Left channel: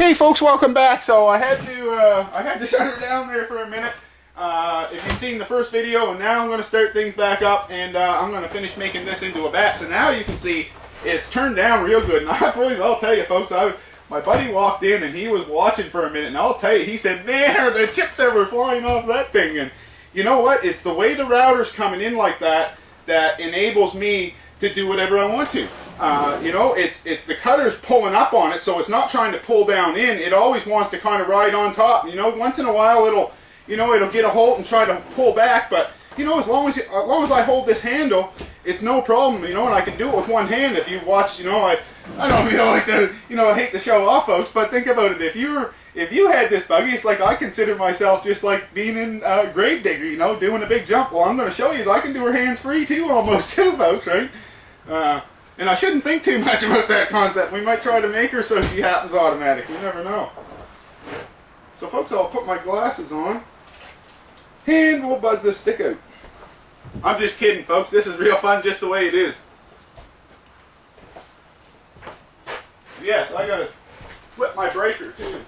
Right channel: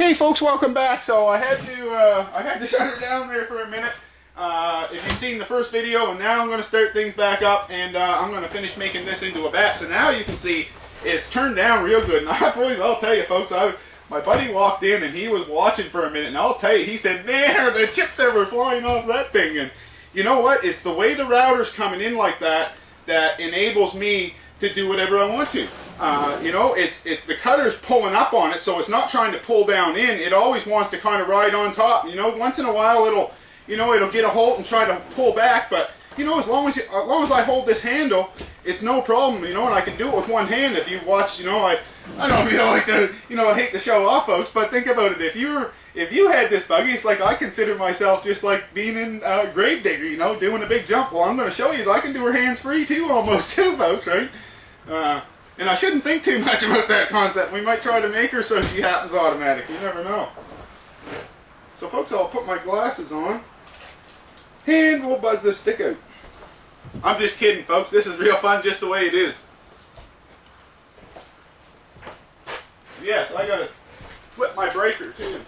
Okay, folks, welcome back. So I had to shut her down there for a minute. If you've seen the first video, and now I'm going to start things back up, and I'm going to finish making this into a bat. So now you can see it's turned down real good. And I'll tell you, folks, my buddy walked in and he was watching for a minute, and I'll tell you, he said, "Man, are the chips ever flying off that thing?" And you know what? It's the way the router's coming in like that that enables me to do whatever I want to. You know, it's the cutter's pulling up on it, so it's not trying to pull down in. It always wants to kind of ride on top. You know, once in a while it'll get a hold and try to pull back, but you know, as long as I hold this handle, it's no problem. You know, and I can do it with one hand. If you watch, you know, I don't like to, I hate to show off, folks, but think about it. If you had this buggy, it's like I consider myself just like being in Gravedigger, you know, doing a big jump. Well, I'm going to show you is I can do her hands free too, almost too, folks, right? And I shouldn't think too much about that concept. We might try to make her so she happens automatic. You never know. So, folks, I'll put my glasses on, and we'll buzz this stick out. I'm just kidding, folks. This is real fun just the way it is. So, yes, I got to flip my breaker, too.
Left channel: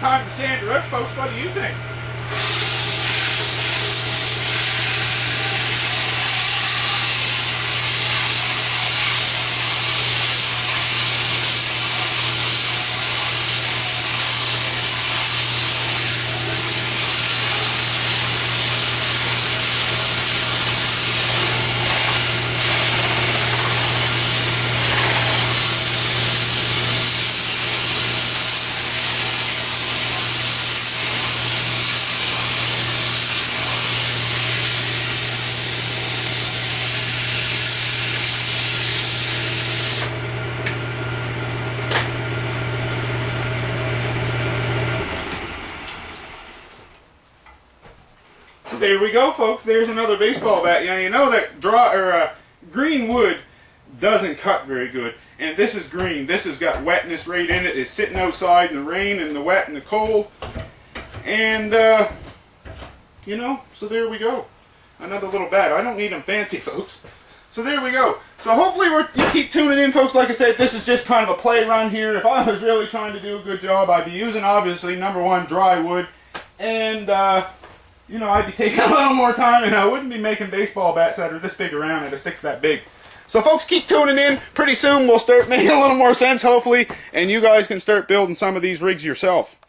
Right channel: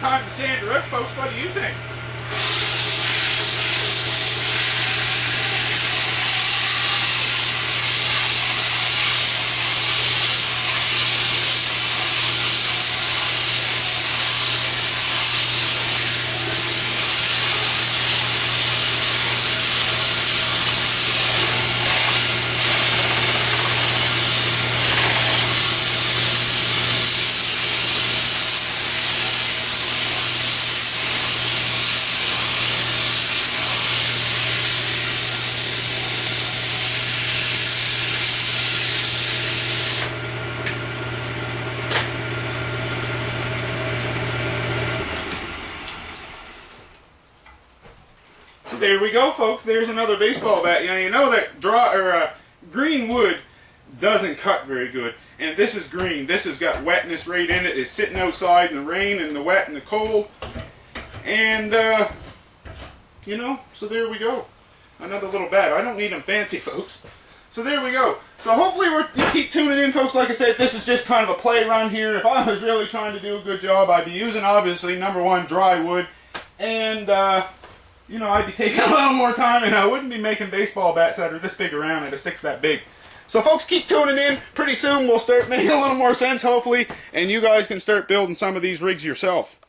time to sand her out, folks. What do you think? There we go, folks. There's another baseball bat. You know that green wood doesn't cut very good, and this is green. This has got wetness right in it. It's sitting outside in the rain and the wet and the cold, and you know. So there we go. Another little bat. I don't need them fancy, folks. So there we go. So hopefully you keep tuning in, folks. Like I said, this is just kind of a play run here. If I was really trying to do a good job, I'd be using, obviously, #1, dry wood, and you know, I'd be taking a little more time, and I wouldn't be making baseball bats that are this big around and the sticks that big. So folks, keep tuning in. Pretty soon we'll start making a little more sense, hopefully, and you guys can start building some of these rigs yourself.